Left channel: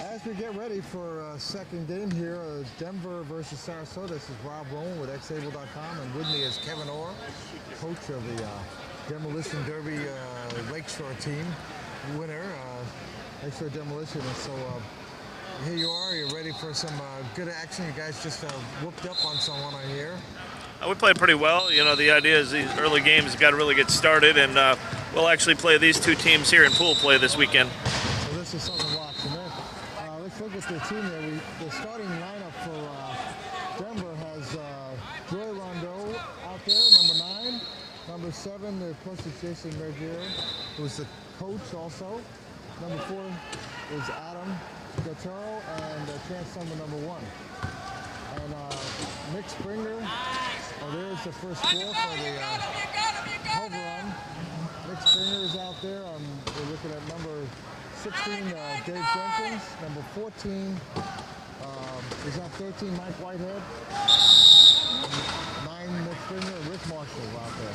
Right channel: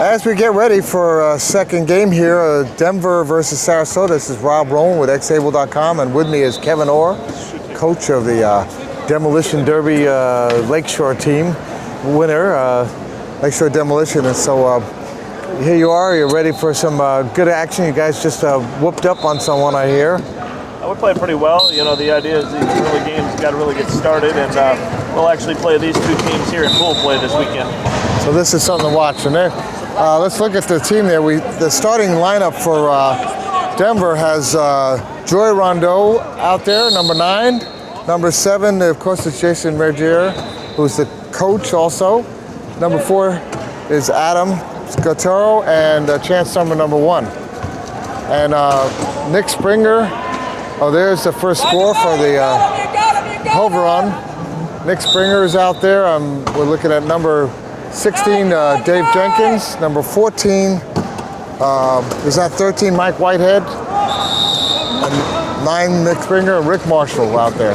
As we get ready for a second game here, Denver versus Sarasota, this is Rob Rowan with xable.com, and with me is Kevin Orr, coach of the Demolition Derby Lakeshore team, winner, Lakeshore Demolition. And so here you are, you're ready for some good action. You guys just whooped up on someone, I hear. We played pretty well. You know, the idea is these early games got to really get started, and we'll actually play these two teams here in full play this weekend. So this is something to watch. And there, let's look at the team there. The starting lineup for Denver has Joy Rondeau out there, number 9. Number 7, of course, is Jason Mergier, who's the coach also. Number 4 is Adam Scotero, and chance number 1. And Nick Springer. Oh, there's the first score for the Hoveron. Nick Springer is out there. We're looking at number 16, Dave Jenkins. Number 14, is that 13, Mike Whitehead? And 9, Nick Springer, and Rick Marshall out there.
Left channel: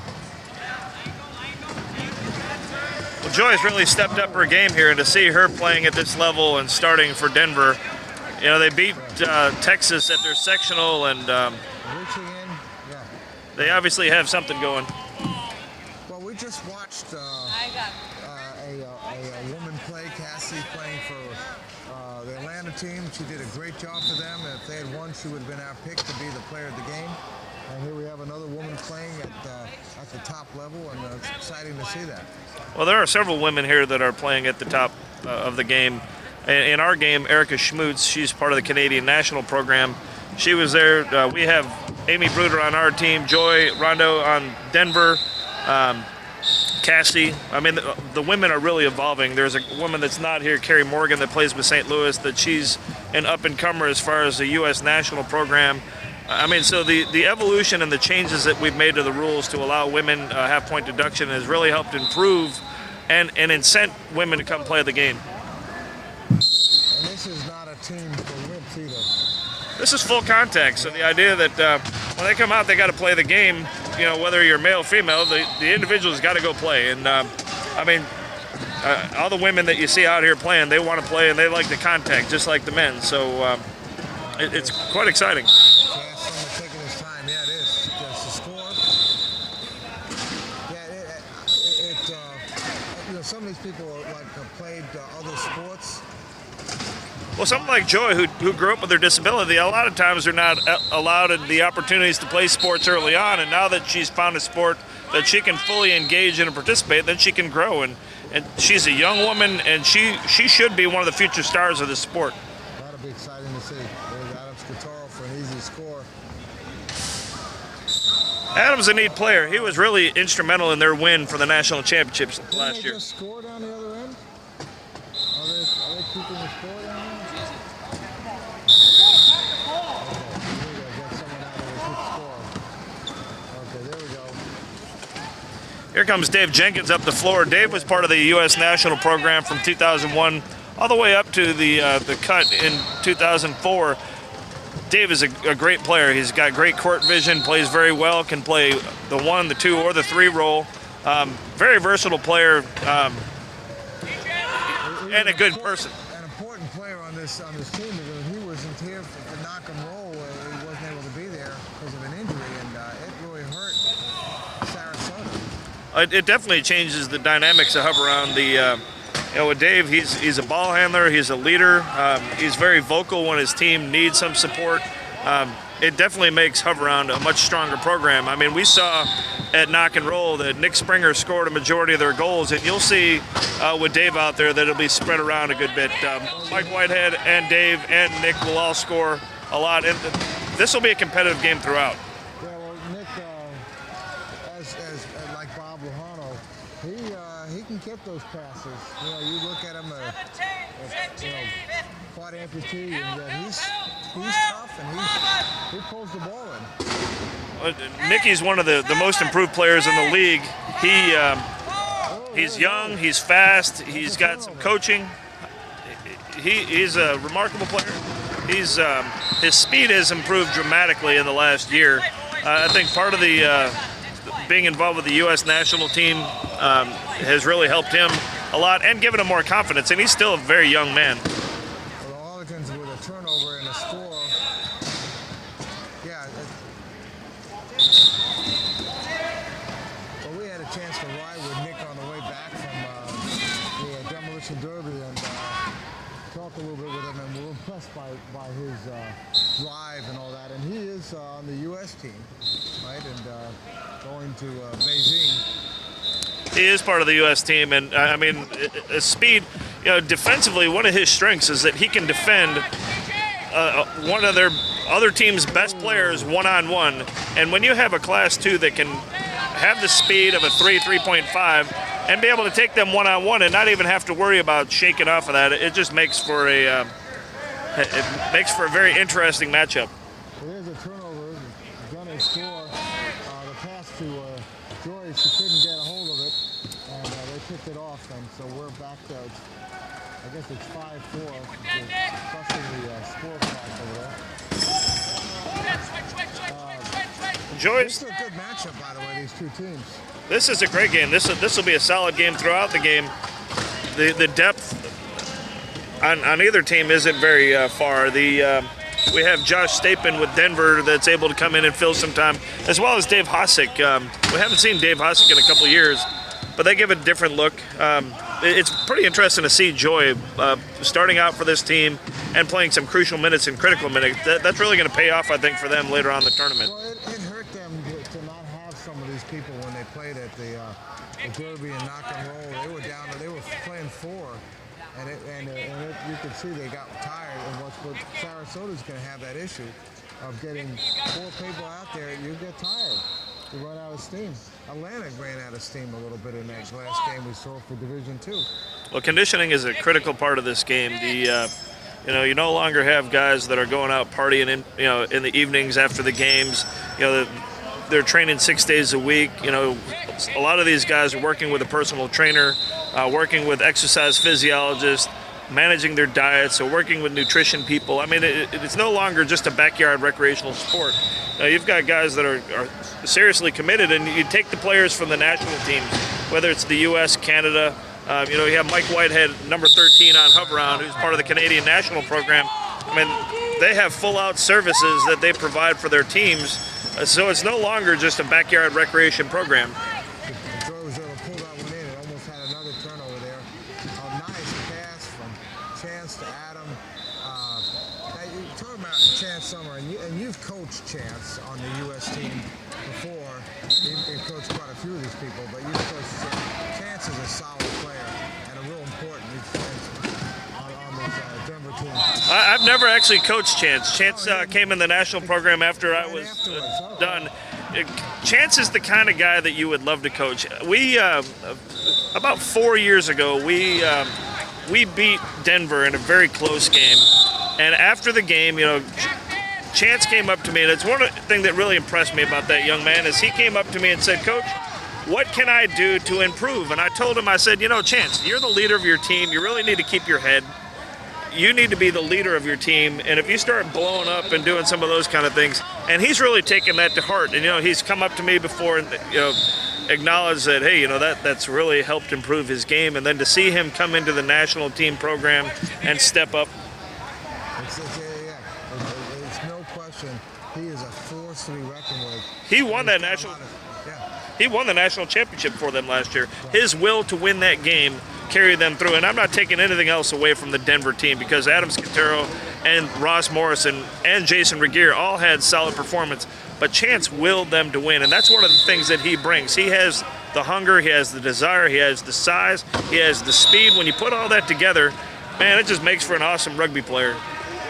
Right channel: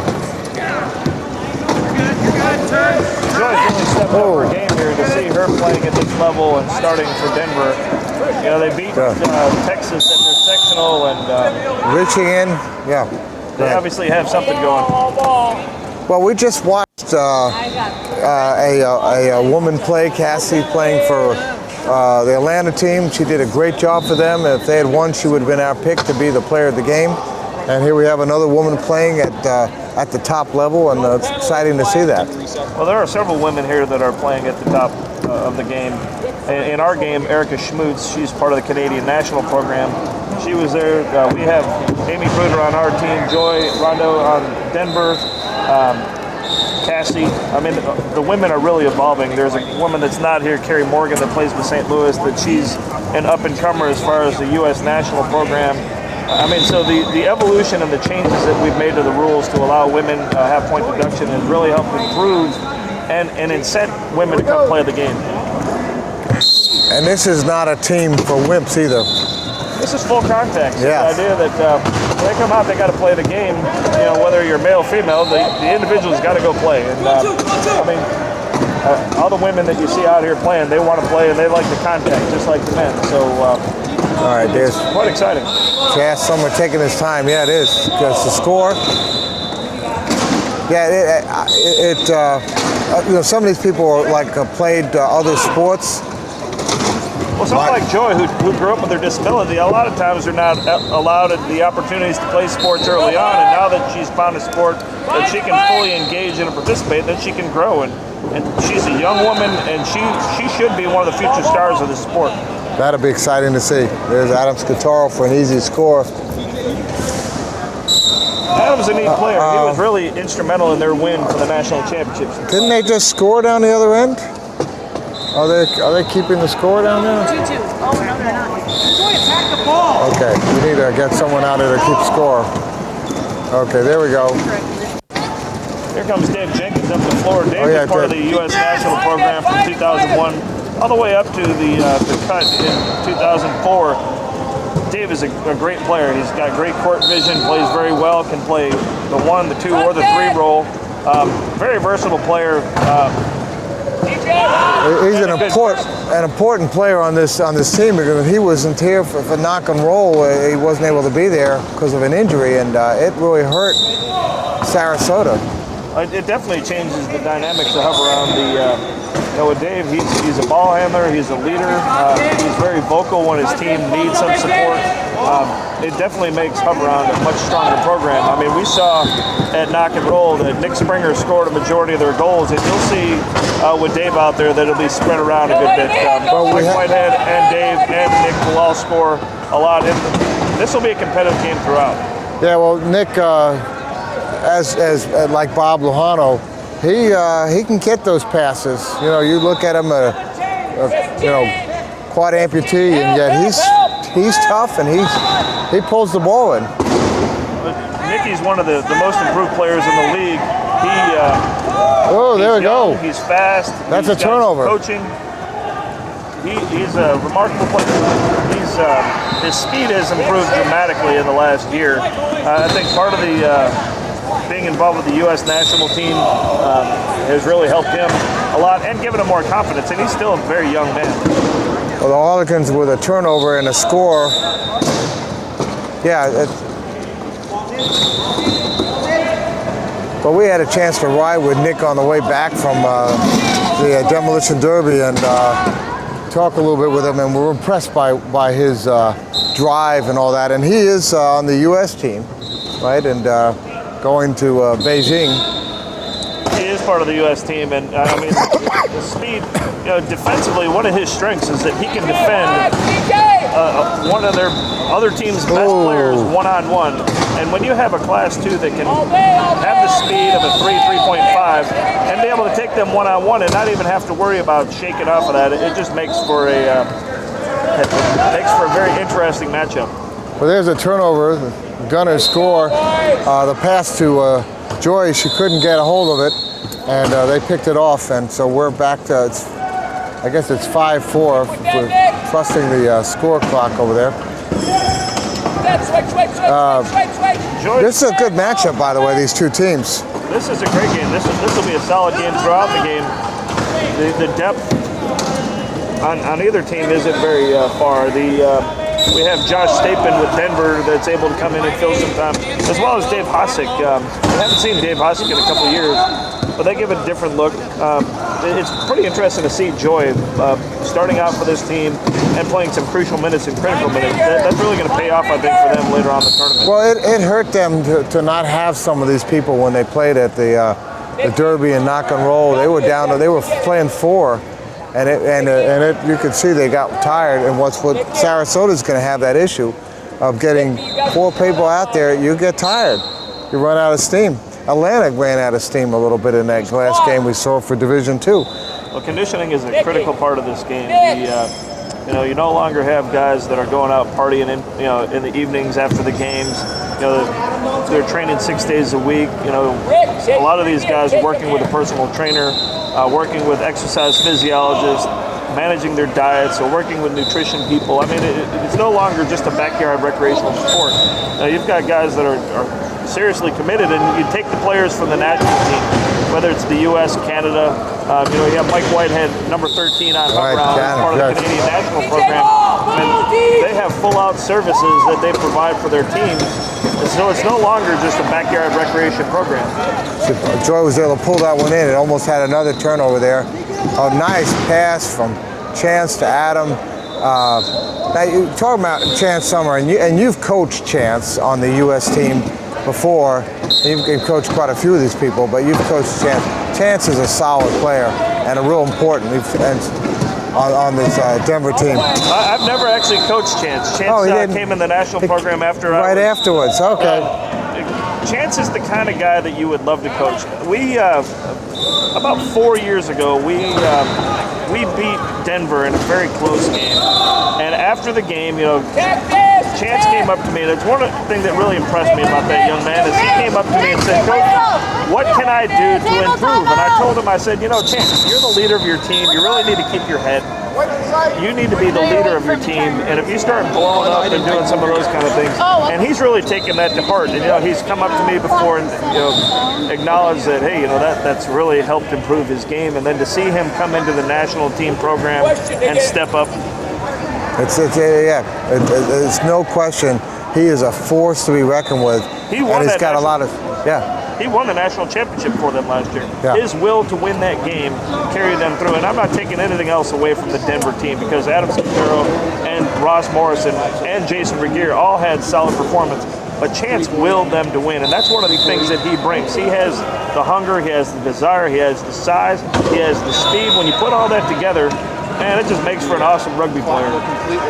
Joy's really stepped up her game here, and to see her playing at this level and starting for Denver. You know, they beat Texas in their sectional, and reaching in, yeah. They obviously have something going. Well, we just watched a woman play, Cassie, playing for the Atlanta team. She did a great job for them. If they had won, she would have been our pick to be the player of the game. And here we have another woman playing at the top level, and it's exciting to see that. Well, there are several women here that are playing at the top of the game. In our game, Erica Schmutz, she's part of the Canadian national program. She was there. We have Amy Bruder on our team, Joy Rondo on Denver, Cassie. I mean, the women are really evolving. There's a woman that's not here, Carrie Morgan, that plays with St. Louis, that she's an up-and-comer as far as the U.S. national program. I mean, so the evolution and the changes that we've made to the rules to allow women to have point deduction has really helped improve and incent women to come play the game. And this is not a team for wimps either. This is full contact. So yes. The idea that when they come out, they got to play the game. You know, whether you're male or female, the individual's got to go play. And I mean, all the women that you see out here playing, they want to play and they like the contact, just like the men. So all right, it's quite exciting. Yeah, someone taking his time. Yeah, it is. Because the score. Yeah, you know, some of these people are played other sports. Well, someone like Joy, who grew up with their disability, a lot of times they're not allowed the opportunities to play sports early on, and now that she's found a sport that she can fully engage in and participate, then she can grow. And she's a young woman, and she should be one of the future stars of the sport. That'll be exciting to see. There's Adam Scotero for an easy score. Adam's a neat player. He was really instrumental in their win for the national championships. Didn't they just score down the other end? Are they keeping the score down there? 2-2. Oh, no, they're not. Joy, attack the ball. Okay, we need to get someone out there to keep score. Okay, there we go. Here comes Dave Jenkins up the floor. Dave was part of the U.S. national program from 2001 all the way up to the cut in 2004. Dave is a great player. He's got great court vision, plays very well, can play the 1, the 2, or the 3 role. Very versatile player. He's an important player on this team, because if he wasn't here for knock and roll, he wasn't able to be there because of an injury, and it really hurt Sarasota. It definitely changes the dynamics of around the. You know, with Dave, he's a ball handler, he's a leader, he's very vocal when his team needs some support. It definitely makes Hoveround a much stronger program. I mean, we saw at Knock and Roll that Nick Springer scored a majority of their goals, and you'll see with Dave out there that it'll be spread around a good bit. Mike Whitehead and Dave and Nick will all score a lot. This will be a competitive game throughout. Yeah, well, Nick, as like Bob Lujano, he can get those passes. You know, you look at him, you know, quad amputee, and yet he's tough, and he pulls the ball in. Nicky's one of the most improved players in the league. There we go. He's fast. That's he's a turnover. Got some coaching. He's a remarkable player. His speed has improved dramatically in the last year. I think part of the being involved with the U.S. national team has really helped him a lot and given him more confidence, and he's still a very young man. Well, the Harlequins with a turnover and a score. Yeah. But we had a chance to ride with Nick on the way back from the Demolition Derby and talk a little bit with him, and we're impressed by his drive and all that. And he is on the U.S. team, right? And going to Beijing. He is part of the U.S. team, and I mean, the speed. Defensively, one of his strengths is that he can defend one of their other team's best players one-on-one. And when you have a Class 2 that can have the speed of a 3.5, and be able to take them one-on-one and not even have to worry about shaking off of that, it just makes for a very interesting matchup. Well, there's a turnover. The Gunners score. The pass to Joy, she couldn't get a hold of it, and they picked it off. And so we're back to, I guess it's 5-4. We're trusting the score clock over there. This is a good matchup, by the way, these two teams. This is a great game. This will be a solid game throughout the game. The depth on either team isn't very far. We have Josh Stapin with Denver that's able to come in and fill some time, as well as Dave Hosick. We haven't seen Dave Hosick in a couple of years, but they give a different look. It's pretty interesting to see Joy starting out for this team and playing some crucial minutes and critical minutes. That's really going to pay off, I think, for them later on in the tournament. Well, it hurt them to not have some of these people when they played at the Derby and Knock and Roll. They were down. They were playing 4. And you could see they got tired, and what Sarasota's going to have that issue of getting 4 people out there. You get tired, you run out of steam. Atlantic ran out of steam a little bit in that last game we saw for Division II. Well, conditioning is a critical part of this game. You no longer have guys that are going out partying in the evenings after the games. They're training 6 days a week. A lot of these guys are working with a personal trainer. Working with exercise physiologists, managing their diets, or working with nutrition people. I mean, it's no longer just a backyard recreational sport. You've got guys that are seriously committed, and you take the players from the national team, whether it's the U.S., Canada. You have Mike Whitehead, number 13 on hook round, as part of the Canadian national program. And they have full-out services that they provide for their teams. So it's no longer just a backyard recreation program. Joy was able to pull that one in. It almost had another turnover there. A nice pass from Chance to Adam. Now you talk about Chance Summer, and you've coached Chance on the U.S. team before. You've coached quite a few of these people, but you've coached Chance. Chance is a solid player and a real important on this Denver team. I've never actually coached Chance. Chance came in the national program after. Right afterwards, okay. Chance is the kind of guy that you would love to coach. We about 4 years ago, we beat Denver in a very close game, and after the game, Chance came up to me, and it's one thing that really impressed me about that young man is he came up to me and said, "Coach, what can I do to improve?" And I told him, I said, Chance, you're the leader of your team. You really need to keep your head. You need to be the leader of your team, and if you start blowing up and doing some of those kind of things, and he's really taken that to heart. And he's come up to me before and acknowledged that, hey, that's really helped improve his game, and then to see him come into the national team program and step up. It's no question. He is a force to be reckoned with. He won and that. Got a lot of He won the national championship for them last year. Yeah. His will to win that game carried them through. And I'm not taking anything else away from the Denver team because Adam Scutero and Ross Morrison and Jason Regier all had solid performance. But Chance willed them to win, and that's one of the things that he brings. He has the hunger, he has the desire, he has the size, he has the speed. When you put all that together, man, it just makes for an awesome rugby player.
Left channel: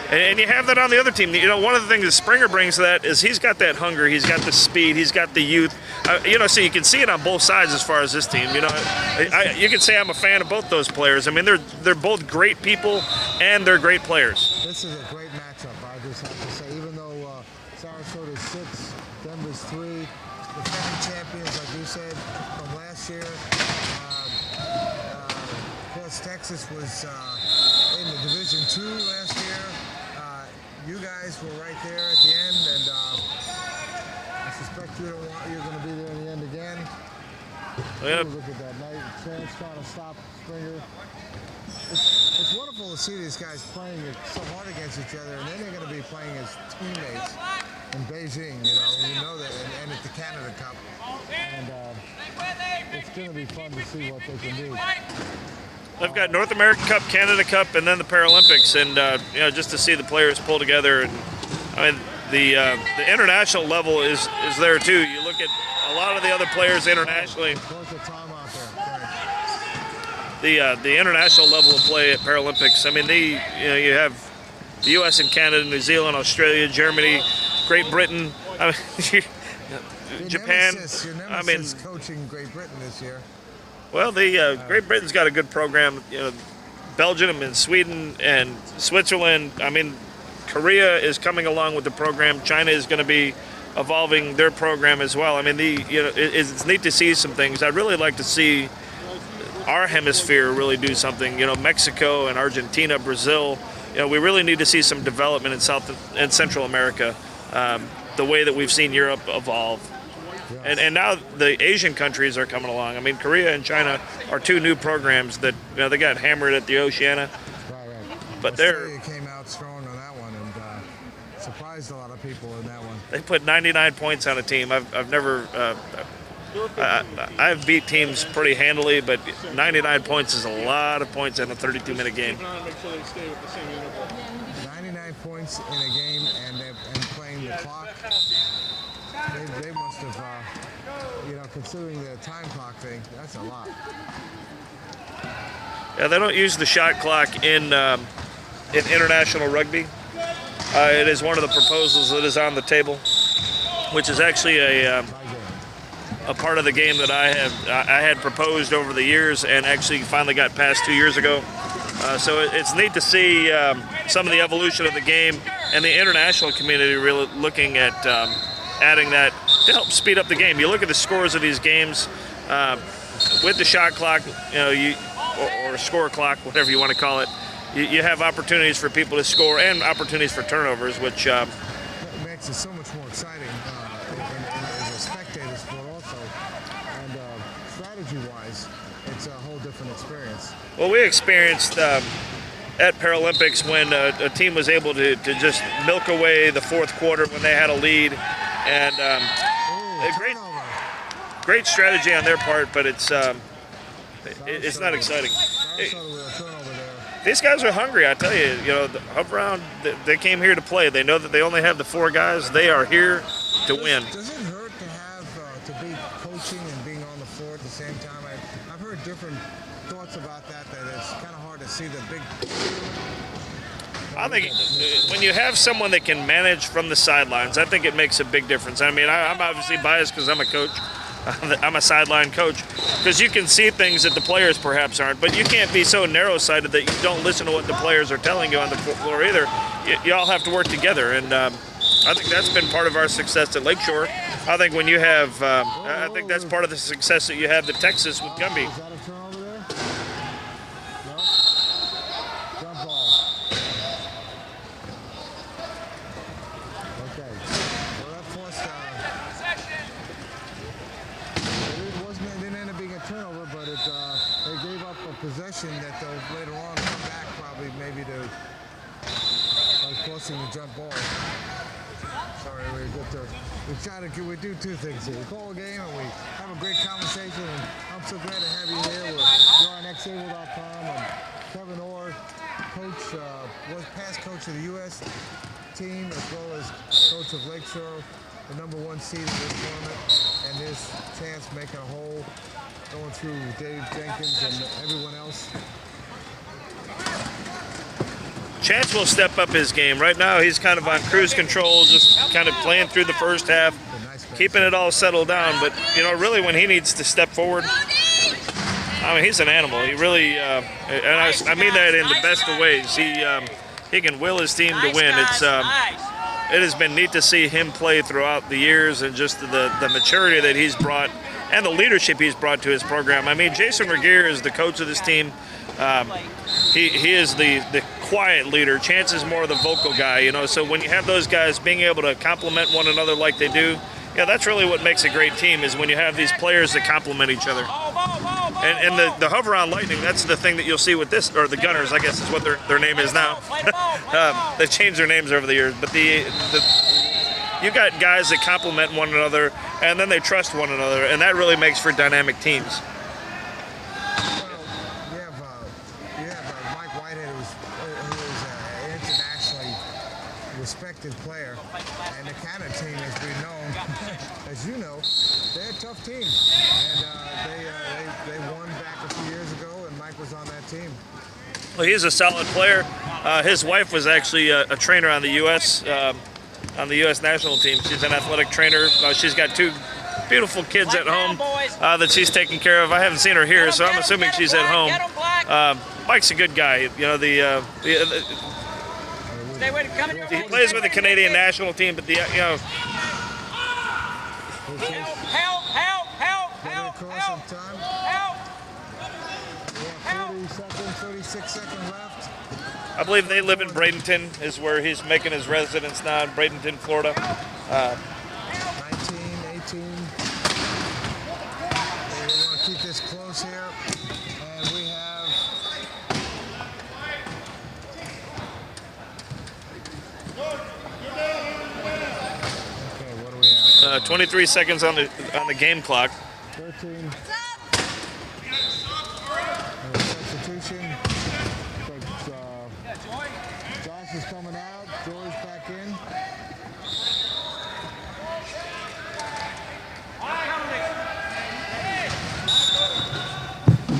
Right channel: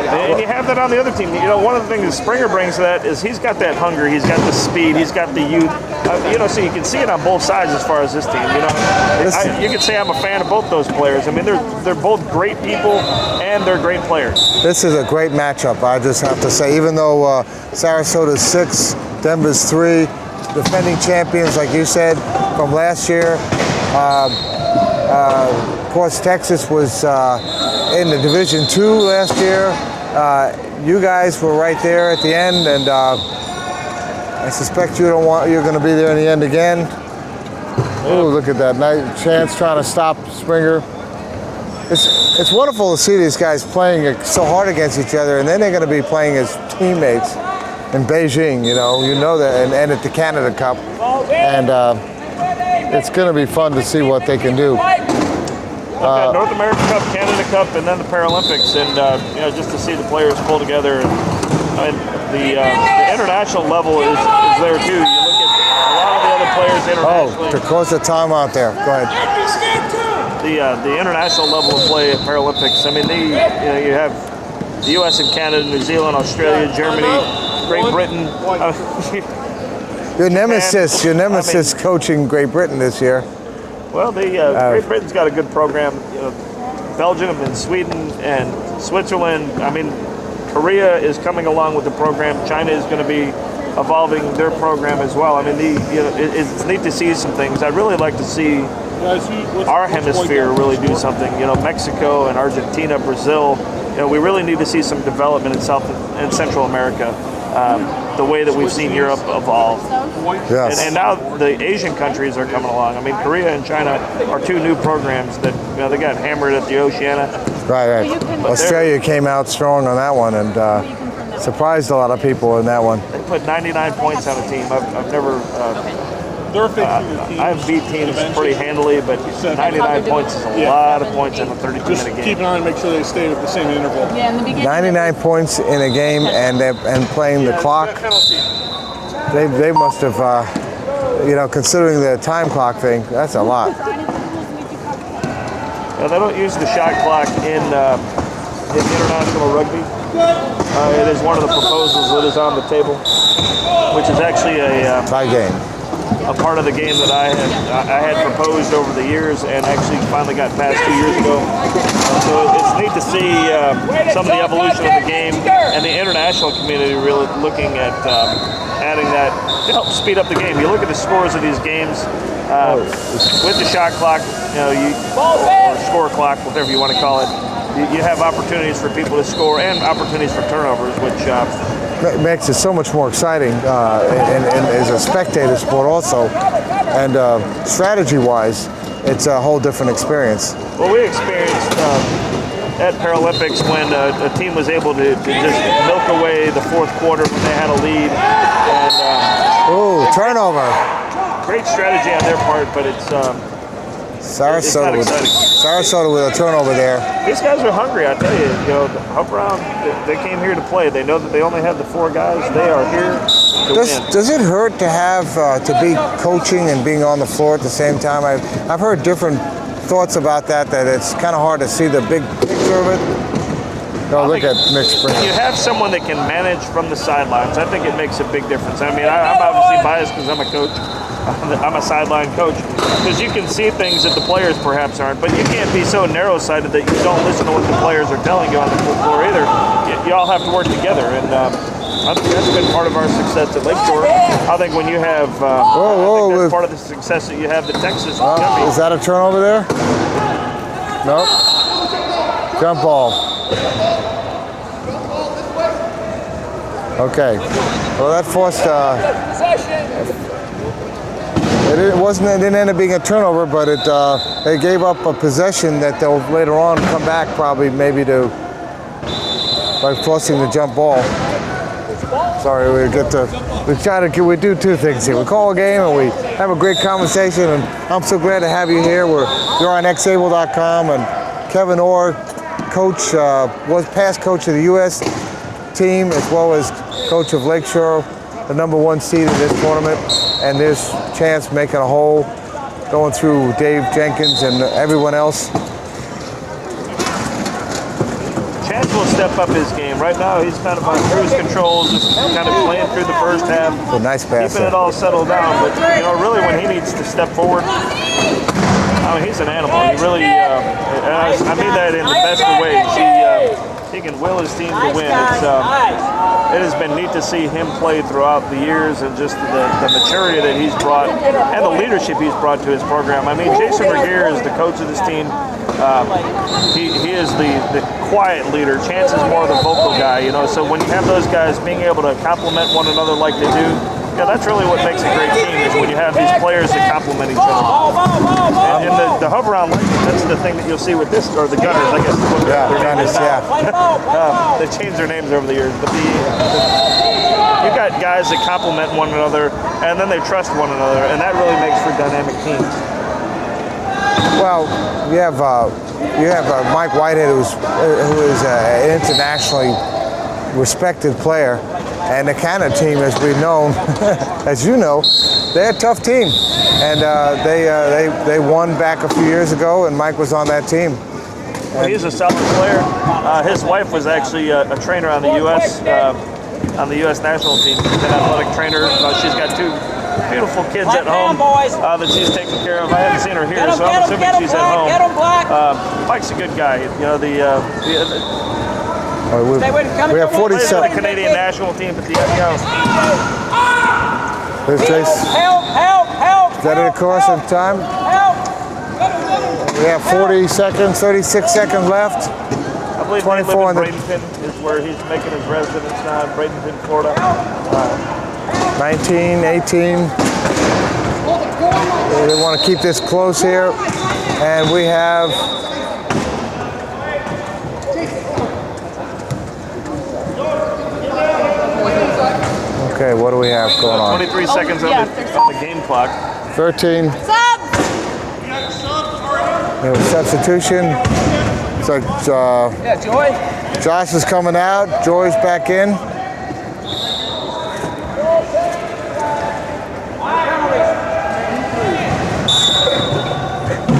And you have that on the other team. One of the things that Springer brings to that is he's got that hunger, he's got the speed, he's got the youth. So you can see it on both sides as far as this team. You can say I'm a fan of both those players. I mean, they're both great people and they're great players. This is a great matchup, I just have to say. Even though Sarasota's 6, Denver's 3, defending champions, like you said, from last year. Of course, Texas was in the Division II last year. You guys were right there at the end, and I suspect you're going to be there in the end again. Yeah. Ooh, look at that! Nice Chance trying to stop Springer. it's wonderful to see these guys playing so hard against each other, and then they're going to be playing as teammates in Beijing. You know that, and at the Canada Cup, and it's going to be fun to see what they can do. I've got North American Cup, Canada Cup, and then the Paralympics, and just to see the players pull together. And the international level is there too. You look at a lot of the other players internationally. Oh, to close the timeout there. Go ahead. The international level of play at Paralympics. I mean, you have the U.S. and Canada, New Zealand, Australia, Germany, Great Britain. Your nemesis coaching Great Britain this year. Well, Great Britain's got a good program. Belgium and Sweden and Switzerland. I mean, Korea is coming along with the program. China is going to be evolving their program as well. I mean, it's neat to see some things. I'd really like to see our hemisphere really do something. Mexico and Argentina, Brazil. We really need to see some development in South and Central America. The way that we've seen Europe evolve. Yes. And now the Asian countries are coming along. I mean, Korea and China are two new programs that they got hammered at the Oceania. Right. Australia came out strong on that one and surprised a lot of people in that one. They put 99 points on a team. I've never... I've beat teams pretty handily, but 99 points is a lot of points in a 32-minute game. Keep an eye and make sure they stay at the same interval. 99 points in a game and playing the clock. They must have, considering the time clock thing, that's a lot. Yeah, they don't use the shot clock in international rugby. It is one of the proposals that is on the table, which is actually tie game. A part of the game that I had proposed over the years and actually finally got passed 2 years ago. So it's neat to see some of the evolution of the game and the international community really looking at adding that to help speed up the game. You look at the scores of these games with the shot clock, score clock, whatever you want to call it. You have opportunities for people to score and opportunities for turnovers, which makes it so much more exciting and as a spectator sport also. And strategy-wise, it's a whole different experience. Well, we experienced at Paralympics when a team was able to just milk away the fourth quarter when they had a lead. And turnover. Great strategy on their part, but it's Sarasota with a turnover there. These guys are hungry, I tell you. Up around, they came here to play. They know that they only have the 4 guys. They are here to win. Does it hurt to have to be coaching and being on the floor at the same time? I've heard different thoughts about that it's kind of hard to see the big picture of it. Look at Mitch Springer. When you have someone that can manage from the sidelines, I think it makes a big difference. I mean, I'm obviously biased because I'm a coach. I'm a sideline coach because you can see things that the players perhaps aren't, but you can't be so narrow-sighted that you don't listen to what the players are telling you on the floor either. You all have to work together, and I think that's been part of our success at Lakeshore. I think when you have, I think that's part of the success that you have at Texas. Is that a turnover there? Nope. Jump ball. Okay. Well, that forced. It didn't end up being a turnover, but they gave up a possession that they'll later on come back probably maybe by forcing the jump ball. Sorry, we do two things here. We call a game and we have a great conversation, and I'm so glad to have you here. You're on xable.com, and Kevin Orr, coach, was past coach of the U.S. team as well as coach of Lakeshore, the #1 seed in this tournament, and this chance making a hole, going through Dave Jenkins and everyone else. Chance will step up his game. Right now, he's kind of on cruise control, just kind of playing through the first half, a nice pass, keeping it all settled down. But really, when he needs to step forward, I mean, he's an animal. He really, and I mean that in the best of ways. He can will his team to win. It has been neat to see him play throughout the years, and just the maturity that he's brought and the leadership he's brought to his program. I mean, Jason Regier is the coach of this team. He is the quiet leader. Chance is more the vocal guy, so when you have those guys being able to complement one another like they do, that's really what makes a great team is when you have these players that complement each other. And the hover round lightning, that's the thing that you'll see with this, or the gunners, I guess is what their name is now. They changed their names over the years, but you got guys that complement one another, and then they trust one another, and that really makes for dynamic teams. Well, you have Mike Whitehead, who is an internationally respected player, and the Canada team, as we've known, as you know, they're a tough team, and they won back a few years ago, and Mike was on that team. Well, he's a solid player. His wife was actually a trainer on the U.S. National team. She's an athletic trainer. She's got 2 beautiful kids at home that she's taking care of. I haven't seen her here, so I'm assuming she's at home. Mike's a good guy. You know, we have 47. The Canadian national team, but Is that it, of course, in time? We have 40 seconds, 36 seconds left. I believe they live in Bradenton, is where he's making his residence now, in Bradenton, Florida. 19, 18. They want to keep this close here. And we have okay, what do we have going on? 23 seconds on the game clock. 13. We have a substitution. So Josh is coming out. Joy's back in.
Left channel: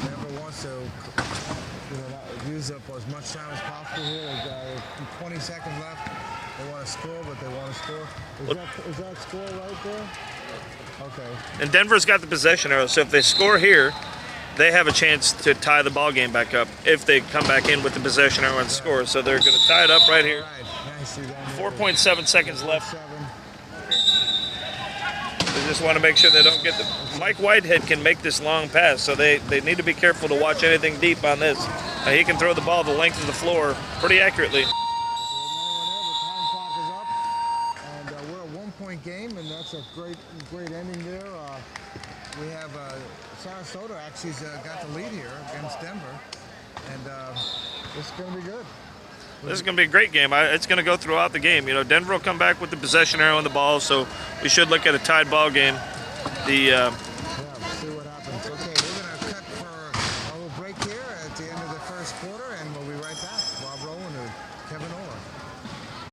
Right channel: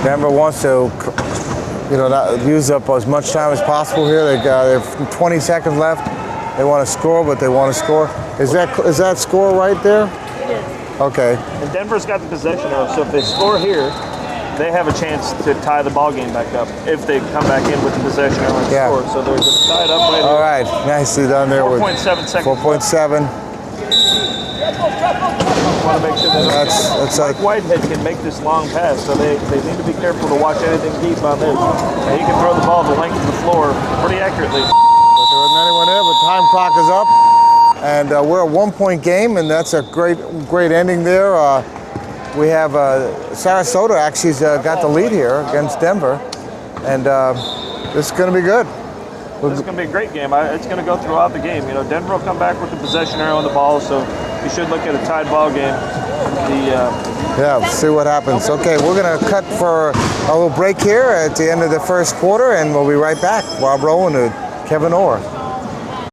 Denver wants to, not use up as much time as possible here. They have 20 seconds left. They want to score, but they want to score. Is that score right there? It is. Okay. And Denver's got the possession arrow, so if they score here, they have a chance to tie the ball game back up if they come back in with the possession arrow and score. So they're going to tie it up right here. All right, nicely done there. 4.7 seconds 4.7. Just want to make sure that Mike Whitehead can make this long pass, so they need to be careful to watch anything deep on this. He can throw the ball the length of the floor pretty accurately. But there wasn't anyone there, but time clock is up. And we're a 1-point game, and that's a great ending there. We have Sarasota actually got the lead here against Denver, and this is going to be good. This is going to be a great game. It's going to go throughout the game. Denver will come back with the possession arrow on the ball, so you should look at a tied ball game. Yeah, see what happens. Okay, we're going to cut for a little break here at the end of the first quarter, and we'll be right back. Rob Rowan and Kevin Orr.